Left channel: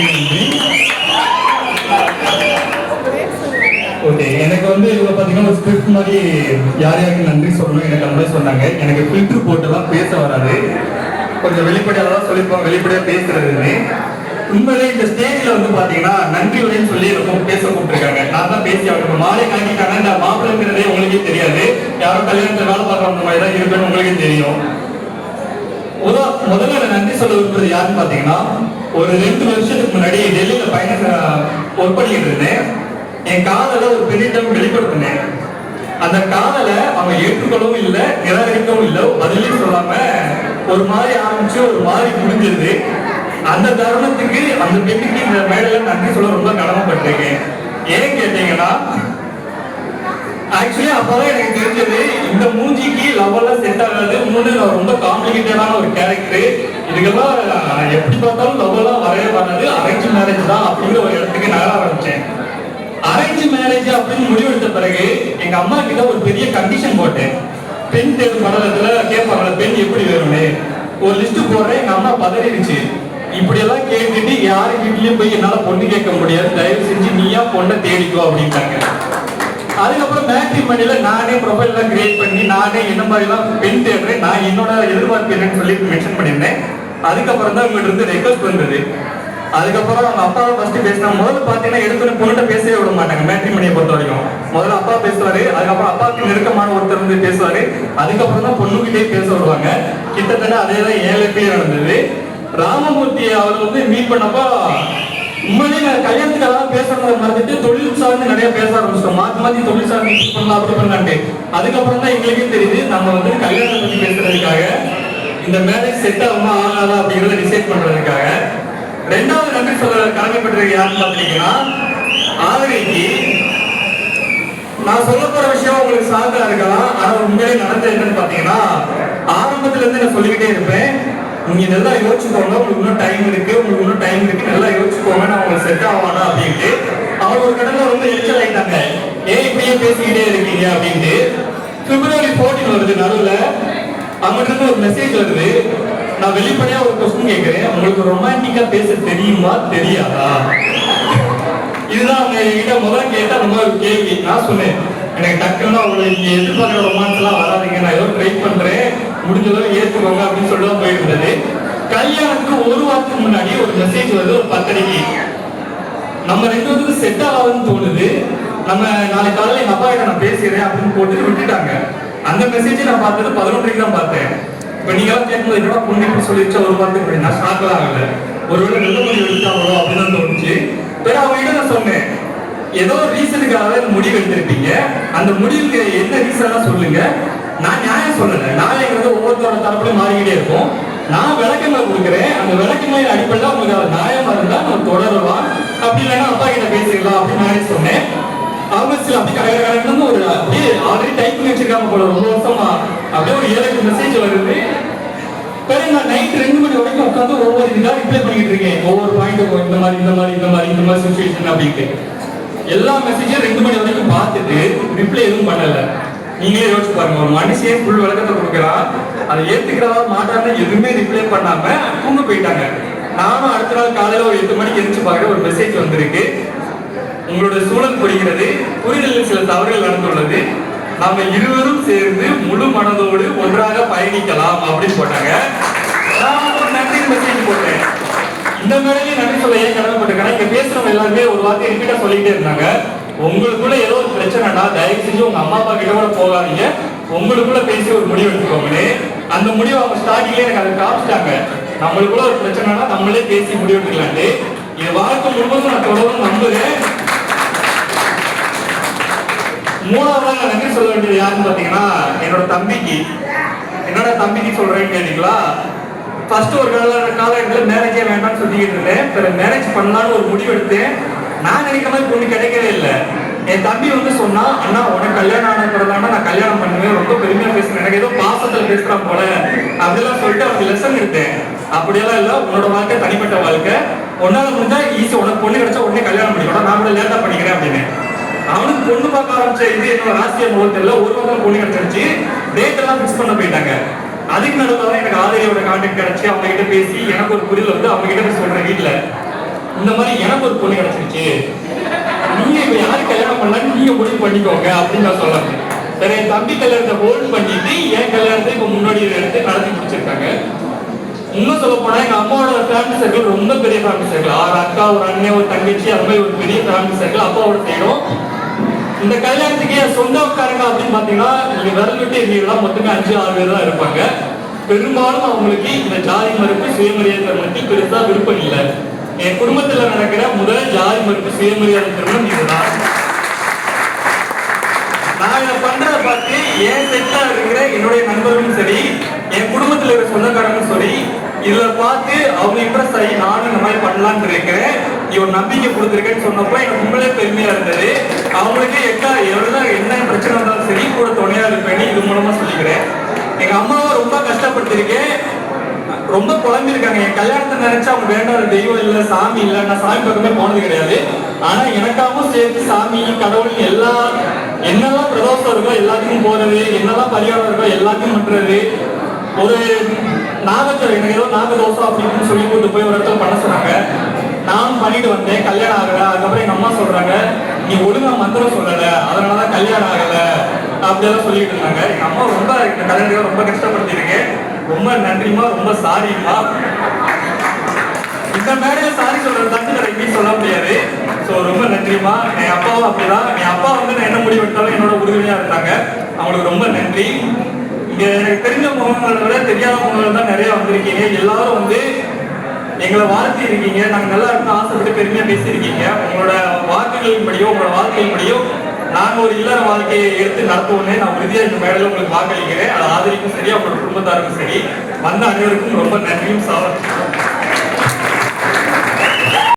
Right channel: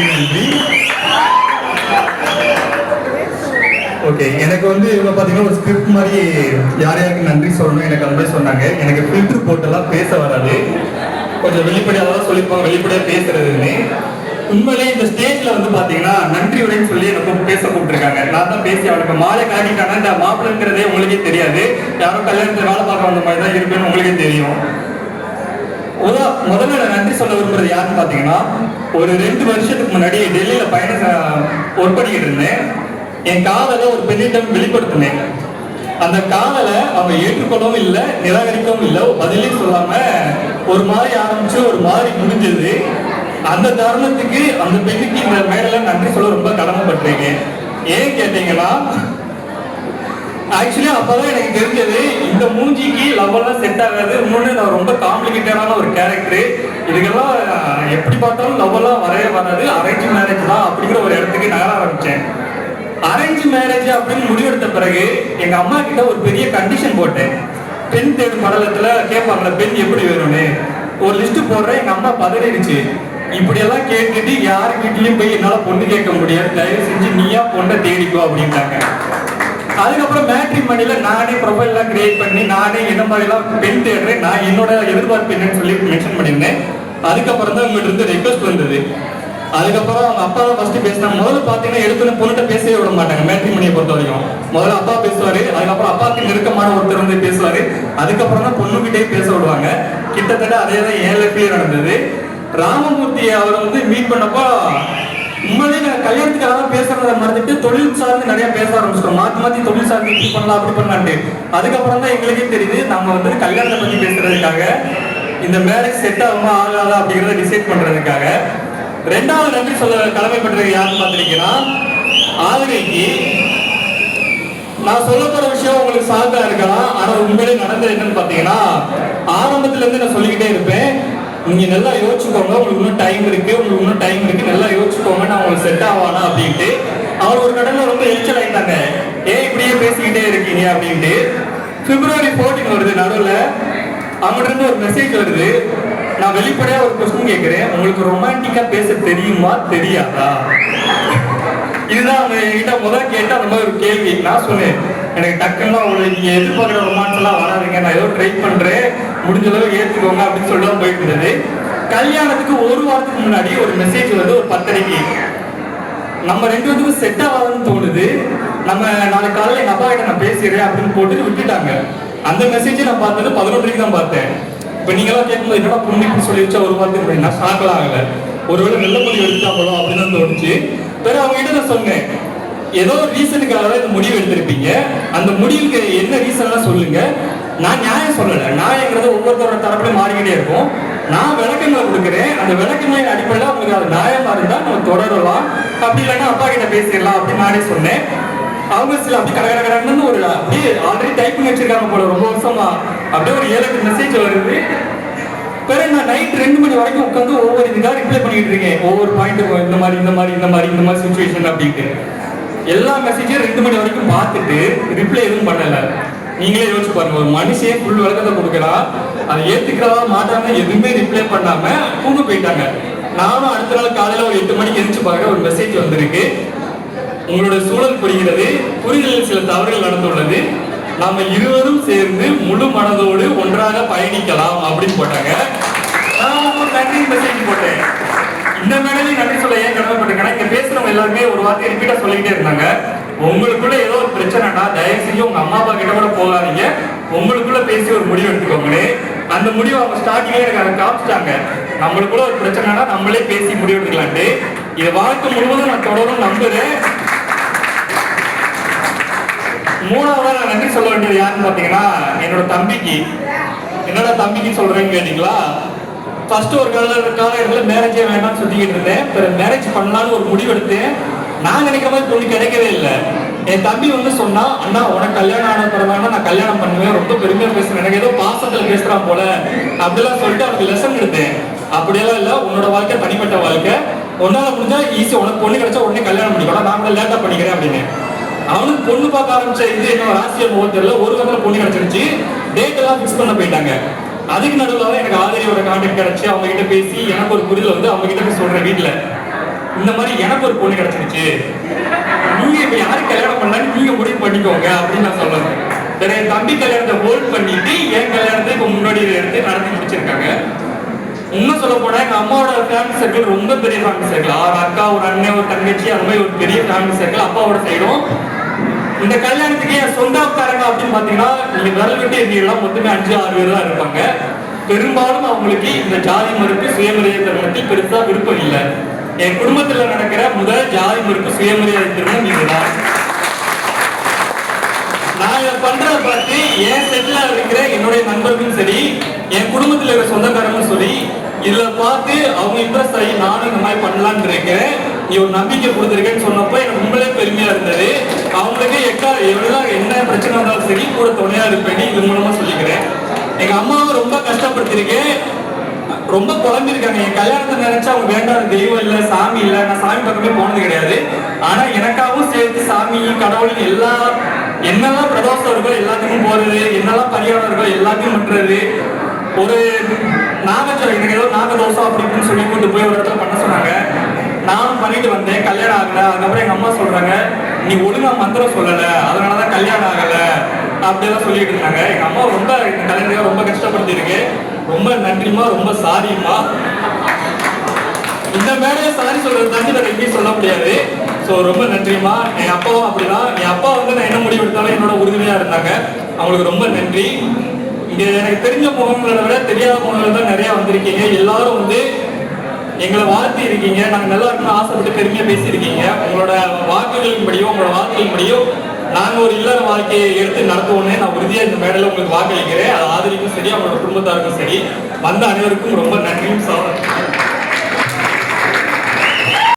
நன்றி. ஓகே, எனக்கு வந்து இதில் பார்த்தீங்கன்னா ஒரு ஸ்கிரிப்ட் மாதிரி யார் யாருக்கு நன்றி சொல்லணும் எனக்கு அந்த சொன்னாங்க. எனக்கு ஃபில்டர் போட்டுலாம் பேச வராது, கொஞ்சம் வெளிப்படையாக தான் சொல்லிப்போம், வெளிப்படையாக பேசுறதுன்னு. உண்மையிலே இந்த ஸ்டேஜ்ல வந்து பாத்தீங்கன்னா நன்றி உரைன்னு சொல்லி எனக்கு பேச கூப்பிட்டுருக்காங்க. நான் தான் பேசி அவருக்கு மாலை காட்டிட்டாங்க. இந்த மாப்பிள்ளைங்கிறதே உங்களுக்கே தெரியாது, யாரும் கல்யாணத்துல வேலை பார்க்கற மாதிரி தான் இருக்குன்னு உங்களுக்கே தெரியும். முதல்ல நான் நன்றி சொல்ல விரும்புறது யாருன்னு பாத்தீங்கன்னா, ஒரு 2 வருஷத்துக்கு முன்னாடி டெல்லியில ஒர்க் பண்ணிட்டு இருந்தேன். என் காதல ஒரு பெண்ணிடம் வெளிப்படுத்தினேன். அந்த காதல அவங்க ஏற்றுக்கொள்ளவும் இல்லை, நிராகரிக்கவும் இல்லை, பதிலே சொல்லாம ஒரு மாதிரி ஆரம்பிச்சு ஒரு மாதிரி முடிஞ்சது. அந்த தருணத்துக்கு அந்த பெண்ணுக்கு இந்த மேடையில நன்றி சொல்ல ரொம்ப கடமைப்பட்டிருக்கேன். ஏன் கேட்டீங்கன்னா, ஆக்சுவலி அப்பதான் எனக்கு தெரிஞ்சது இந்த மூஞ்சிக்கு லவ்வெல்லாம் செட் ஆகாது. நான் ரொம்ப காம்ப்ளிகேட்டடான ஒரு கேரக்டர், இதுக்கெல்லாம் எப்படி பார்த்தாலும் லவ்வெல்லாம் வரவே வராது, அரேஞ்ச் மேரேஜ் தான் அப்படிங்கிற ஒரு இடத்துக்கு நான் ஆரம்பிச்சேன். அரேஞ்ச் மேரேஜ் அப்படின்னு முடிவெடுத்த பிறகு எங்க அம்மா கிட்ட ஒரு பெரிய கண்டிஷன் போட்டேன். பெண் தேர்வு மண்டலத்துல கேட்பாங்களா பெண் எப்படி வேணும்னு ஒரு லிஸ்ட் போடுறேன். எங்க அம்மா பதறிடுச்சு. இப்படியெல்லாம் கேட்டுட்டு யாரு வீட்லயும் போய் என்னால பொண்ணு கேட்க முடியாது, தயவு செஞ்சு நீயா பொண்ணை தேடிக்கோ அப்படின்ட்டாங்க. அதுக்கப்புறம் மேட்ரிமோனியில நானே ப்ரொஃபைல்லாம் கிரியேட் பண்ணி நானே என்ன மாதிரிலாம் பெண் தேடுறேன், நான் என்னோட எதிர்பார்ப்பு என்னன்னு சொல்லி மென்ஷன் பண்ணியிருந்தேன். அதுக்கப்புறம் தான் உங்கள்கிட்ட இருந்து ரெக்வஸ்ட் வந்தது. அதுக்கப்புறம் அவங்க அப்பாவை ஃபர்ஸ்ட் பேசினாங்க. முதல்ல பார்த்தீங்கன்னா எடுத்துன பொண்ணுகிட்ட பேசவே விட மாட்டாங்க மேட்ரிமோனியை பொறுத்த வரைக்கும். முதல்ல அப்பா பேசுவாரு, அதுக்கப்புறம் அப்பாவுக்கு நெருக்கமான ஒருத்தர் வந்து பேசுவாரு, அதுக்கப்புறம் தான் பொண்ணுகிட்டே பேச விடுவாங்க. கிட்டத்தட்ட அதே தான் 7 பேர் நடந்தது. ராமமூர்த்தி அவர் வந்து மீட் பண்ணப்போ உண்மையிலேயே நான் கல்யாணத்துக்காக தான் பேசுறத மறந்துட்டு தொழில் சார்ந்து நிறைய பேச ஆரம்பிச்சிட்டோம். மாத்தி தொழில் சார்ந்து இப்படி பண்ணலாம் அப்படி பண்ணலான்ட்டு. அதுக்கப்புறம் தான் எங்களுக்கே தெரியுது நம்ம வந்து கல்யாணத்தை பத்தி பேசுறதுக்காக இந்த மேரேஜ் செட் ஆகுமா ஆகாதா அப்படிங்கிறத டிசைட் பண்றதுக்காக. 2வது நன்றி சொல்ல கடமைப்பட்டது யாருன்னு பாத்தீங்கன்னா ஆதரவைக்கு. நான் சொல்ல போற விஷயம் உங்களுக்கு சாக்கா இருக்கலாம், ஆனா உண்மையிலே நடந்தது என்னன்னு பாத்தீங்கன்னா, ஆரம்பத்துல இருந்து நான் சொல்லிக்கிட்டே இருப்பேன், நீங்க நல்லா யோசிச்சுக்கோங்க, உங்களுக்கு இன்னும் டைம் இருக்கு, உங்களுக்கு இன்னும் டைம் இருக்கு, நல்லா யோசிச்சுக்கோங்க, நான் உங்களுக்கு செட் ஆவானா அப்படின்ட்டு. அவர் ஒரு கடல்ல வந்து எரிச்சல் ஆயிட்டாங்க, ஏன் இப்படியே பேசிக்கிட்டே இருக்கீங்க அப்படின்ட்டு. February 14 வருது, நடுவில் அவங்ககிட்ட இருந்து ஒரு மெசேஜ் வருது. நான் வெளிப்படையா ஒரு கொஸ்டின் கேட்கிறேன், உங்களுக்கு ரொமான்டிக்கா பேச தெரியுமா தெரியாதா? இதுதான் அவங்க என்கிட்ட முதல்ல கேட்ட அந்த மாதிரி ஒரு கேள்வி. நான் சொன்னேன், எனக்கு டக்குன்னு உங்களுக்கு எதிர்பார்க்குற ரொமான்ஸ் எல்லாம் வராதுங்க, நான் ஏதோ ட்ரை பண்றேன், முடிஞ்ச அளவு ஏற்றுக்கோங்க அப்படின்னு சொல்லி போயிட்டு இருந்தது. கல்யாணத்துக்கு ஒரு வாரத்துக்கு முன்னாடி ஒரு மெசேஜ் வந்து ஒரு 10:30க்கு நம்ம 2 பேருக்கும் செட் ஆகாதுன்னு தோணுது, நம்ம நாளைக்கு காலையில் எங்க அப்பா கிட்ட நான் பேசுறேன் அப்படின்னு போட்டு விட்டுட்டாங்க. அந்த மெசேஜ் நான் பார்த்தது 11:30க்கு தான் பார்த்தேன். இப்ப நீங்க எல்லாம் கேட்கும்போது என்னடா பொண்ணு இப்படி சொல்லிடுச்சா ஒரு வாரத்துக்கு நான் ஷாக்லாம் ஆகல, ஒருவேளை நல்ல முடிவு எடுத்தாங்களோ அப்படின்னு தோணுச்சு. வேற அவங்க கிட்ட நான் சொன்னேன், ஏதோ ஒரு ரீசனுக்காக முடிவு எடுத்திருப்பீங்க, அந்த முடிவுக்கு என்ன ரீசன் சொல்லுங்க, நான் நியாயம் சொல்லல, நியாயங்கிறது ஒவ்வொருத்தரோட தரப்புலையும் மாறிக்கிட்டே இருக்கும். நான் விளக்கங்கள் கொடுக்குறேன், அந்த விளக்கங்களை அடிப்படையில் உங்களுக்கு அது நியாயமா இருந்தா நம்ம தொடரலாம், அப்படி இல்லைன்னா அப்பா கிட்ட பேசிடலாம் அப்படின்னு நானே சொன்னேன். அவங்க சில அப்படி கடற்கடன்னு ஒரு அப்படியே ஆல்ரெடி டைப் பண்ணி வச்சிருக்காங்க போல ரொம்ப வருஷமா, அப்படியே ஒரு 7 மெசேஜ் வருது. பிறகு நான் நைட் 2 மணி வரைக்கும் உட்காந்து ஒவ்வொரு இதுக்காக ரிப்ளை பண்ணிட்டு இருக்கேன், ஒவ்வொரு பாயிண்ட் இந்த மாதிரி இந்த மாதிரி இந்த மாதிரி இந்த மாதிரி சுச்சுவேஷன் அப்படின்ட்டு. எல்லா மெசேஜையும் 2 மணி வரைக்கும் பார்த்துட்டு ரிப்ளை எதுவும் பண்ணல. நீங்களே யோசிச்சு பாருங்க, ஒரு மனுஷன் ஃபுல் விளக்கத்தை கொடுக்குறான், அதை ஏத்துக்கிறவா மாட்டாங்க, எதுவுமே ரிப்ளை பண்ணாம தூங்க போயிட்டாங்க. நானும் அடுத்த நாள் காலையில ஒரு 8 மணிக்கு எழுந்து பாக்குற ஒரு மெசேஜ் வந்திருக்கு, உங்களோட சூழல் புரிகிறது, புரிதலில் சில தவறுகள் நடந்துள்ளது, நாம இருவரும் சேர்ந்து முழு மனதோடு ஒன்றாக பயணிக்கலாம் அப்படின்னு போட்டாங்க. நான் ஒரு நன்றி மெசேஜ் போட்டேன். இந்த மேடையில நன்றி சொல்ல ஏன் கடமைப்பட்டிருக்கேன், இங்க பேசுறவங்க எல்லாருமே ஒரு வார்த்தை ரிப்பீட்டா சொல்லிக்கிட்டே இருந்தாங்க, உங்களுக்குள்ள ஏதோ ஒரு பிரச்சனைனா தயவு செஞ்சு உங்க அம்மா அப்பா கிட்ட கூட போகாதீங்க, உங்களுக்குள்ள பேசி ஒரு முடிவு எடுத்துக்கோங்களே. அந்த முடிவு அவங்க ஸ்டார்டிங்லேயே எனக்கு அதை காமிச்சிட்டாங்க, நம்மளுக்குள்ள ஒரு பிரச்சனைனா நம்மளே பேசி முடிவு எடுத்துக்கலான்ட்டு. இது வாழ்க்கை முழுவதும் நான் தொடர்ந்து நம்புறேன். 3வது நான் நன்றி சொல்ல வேண்டியது யாருன்னு பாத்தீங்கன்னா என்னோட தம்பிக்கு. என்னோட தம்பிக்கு சொல்றேன்னு கேட்டீங்களா, ஃபர்ஸ்ட் ஒரு காலகட்டத்தில் மேரேஜே வேண்டாம்னு சொல்லிக்கிட்டு இருந்தேன். பிறகு மேரேஜ் பண்ணலான்னு ஒரு முடிவு எடுத்தேன். நான் நினைக்கிற மாதிரி பொண்ணு கிடைக்கவே இல்லை. என் தம்பி வந்து சொன்னா, அண்ணா உனக்கு கல்யாணம் ஆன பிறகு நான் கல்யாணம் பண்ணுவேன், ரொம்ப பெருமையா பேசுறேன், எனக்கு ஏதோ பாசத்துல பேசுறான் போல அப்படிலாம் சொல்லிட்டு அவருக்கு லெசன் எடுத்தேன். அப்படியெல்லாம் இல்லை, உன்னோட வாழ்க்கை தனிப்பட்ட வாழ்க்கை, உன்னால முடிஞ்சா ஈஸி, உனக்கு பொண்ணு கிடைச்சா உடனே கல்யாணம் பண்ணிக்கணும், நான் கூட லேட்டா பண்ணிக்கிறேன் அப்படின்னு. அவனுக்கு பொண்ணு பார்க்க ஆரம்பிச்ச இது என்ன ராசிய முகம் தெரியல, ஒரு வாரம் பொண்ணு கிடைச்சிருச்சு, டேட் எல்லாம் பிக்ஸ் பண்ண போயிட்டாங்க. அதுக்கு நடுவில் தான் எனக்கு ஆதரியோட கான்டாக்ட் கிடைச்சி அவங்க கிட்ட பேசி எனக்கு ஒரு புரிதல் வந்து அவங்க கிட்ட சொல்றேன் வீட்டுல. இந்த மாதிரி எனக்கு ஒரு பொண்ணு கிடைச்சிருச்சு, நீங்க இப்ப யாரு கல்யாணம் பண்ணலாம் நீங்க முடிவு பண்ணிக்கோங்க அப்படின்னு நான் சொல்லுவேன். சரி, என் தம்பி கல்யாணத்தை ஹோல்ட் பண்ணிட்டு என் கல்யாணத்தை இப்ப முன்னாடி எடுத்து நடத்தி முடிச்சிருக்காங்க. இன்னும் சொல்ல போனா எங்க அம்மாவோட ஃபேமிலி சர்க்கிள் ரொம்ப பெரிய ஃபேமிலி சர்க்கிள். 6 அக்கா, ஒரு அண்ணன், ஒரு தங்கச்சி, அது மாதிரி ஒரு பெரிய ஃபேமிலி சர்க்கிள் அப்பாவோட சைடும். இந்த கல்யாணத்துக்கு சொந்தக்காரங்க அப்படின்னு பாத்தீங்கன்னா நீங்க விரல் விட்டு எண்ணிடலாம், மொத்தமே 5-6 பேர் தான் இருப்பாங்க. பெரும்பாலும் அவங்களுக்கு இந்த ஜாதி மறுப்பு சுயமரியாதை திருமணத்தில் பெருசா விருப்பம் இல்லை. என் குடும்பத்துல நடக்கிற முதல் ஜாதி மறுப்பு சுயமரியாதை திருமணம் இதுதான். நான் பண்றத பார்த்து என் செட்ல இருக்கிற என்னுடைய நண்பர்களும் சரி, என் குடும்பத்துல இருக்கிற சொந்தக்காரங்களும் சரி, இதுல பார்த்து அவங்க இம்ப்ரெஸ் ஆகி நானும் இந்த மாதிரி பண்ணலாம்னு இருக்கிறேன், இவர் நம்பிக்கை கொடுத்துருக்கேன்னு சொன்னப்ப எனக்கு உங்களே பெருமையா இருந்தது. அவங்களுக்கு என்ன பிரச்சனை இருந்தாலும் சரி கூட துணையா இருப்பேன்னு இது மூலமா சொல்லிக்கிறேன். எங்க அம்மாவை ரொம்ப கஷ்டப்படுத்திருக்கேன், ரொம்ப குழம்பிருக்காங்க. என் கல்யாணத்தை நினைச்சா அவங்க வேண்டாம், தெய்வம் இல்லை, சாமி இல்லை, நான் சாமி பக்கமே போனது கிடையாது. ஆனா எனக்காகவும் சேர்த்து சாமி, கடவுள் எல்லா என்னெல்லாம் பிரதோஷம் இருக்கோ எல்லாத்துக்கும் போறது, என்னெல்லாம் பரிகாரம் இருக்கோ எல்லாத்தையும் விட்டுறது. ஒரு நாகச்சோரம் எனக்கு ஏதோ நாகதோஷம் அப்படின்னு சொல்லி கொண்டு போய் ஒரு இடத்துல பண்ண சொன்னாங்க. நானும் பண்ணிட்டு வந்தேன், கல்யாணம் ஆகல. அதுக்கப்புறம் எங்க அம்மா சொல்றாங்க, நீ ஒழுங்கா மந்திரம் சொல்லல, அதனாலதான் கல்யாணம் ஆகல அப்படியெல்லாம் சொல்லிட்டு இருந்தாங்க. எங்க அம்மா ரொம்ப இந்த கல்யாணத்துக்காக ரொம்ப கஷ்டப்படுத்திருக்கு. ரொம்ப நன்றிமா, ரொம்ப சாரிம்மா. இந்த மேடையில சாரி சொல்றது தாண்டி நான் எங்கேயும் சொல்ல முடியாது. ஸோ ரொம்ப நன்றிமா. என் அப்பாவும் அப்படிதான். என் அப்பா வந்து நான் என்ன முடிவு எடுத்தாலும் என்னோட உறுதுணையா இருந்தாங்க. அவங்களுக்கு ரொம்ப நன்றி. இங்க எனக்கு தெரிஞ்ச முகங்களை விட தெரியாத முகங்கள் தான் நிறைய வந்திருக்கீங்க. எல்லாரும் வந்து எங்களை வாழ்த்தி இருக்கீங்க, நாங்க நல்லா இருக்கணும் ஆசைப்பட்டு பெருமையா பேசியிருக்கீங்க. உங்களோட வாக்குகளின் படியோ உங்களோட வாழ்க்கையின் படியோ நாங்க ஒரு இல்லற வாழ்க்கையை எடுத்து நடத்துவோன்னே நான் உறுதியா இந்த மேடையில உங்களுக்கு வாக்களிக்கிறேன். அது ஆதரிக்கும் சரி, அவங்களோட குடும்பத்தாருக்கும் சரி, வந்த அனைவருக்கும் ரொம்ப நன்றியும் சார்.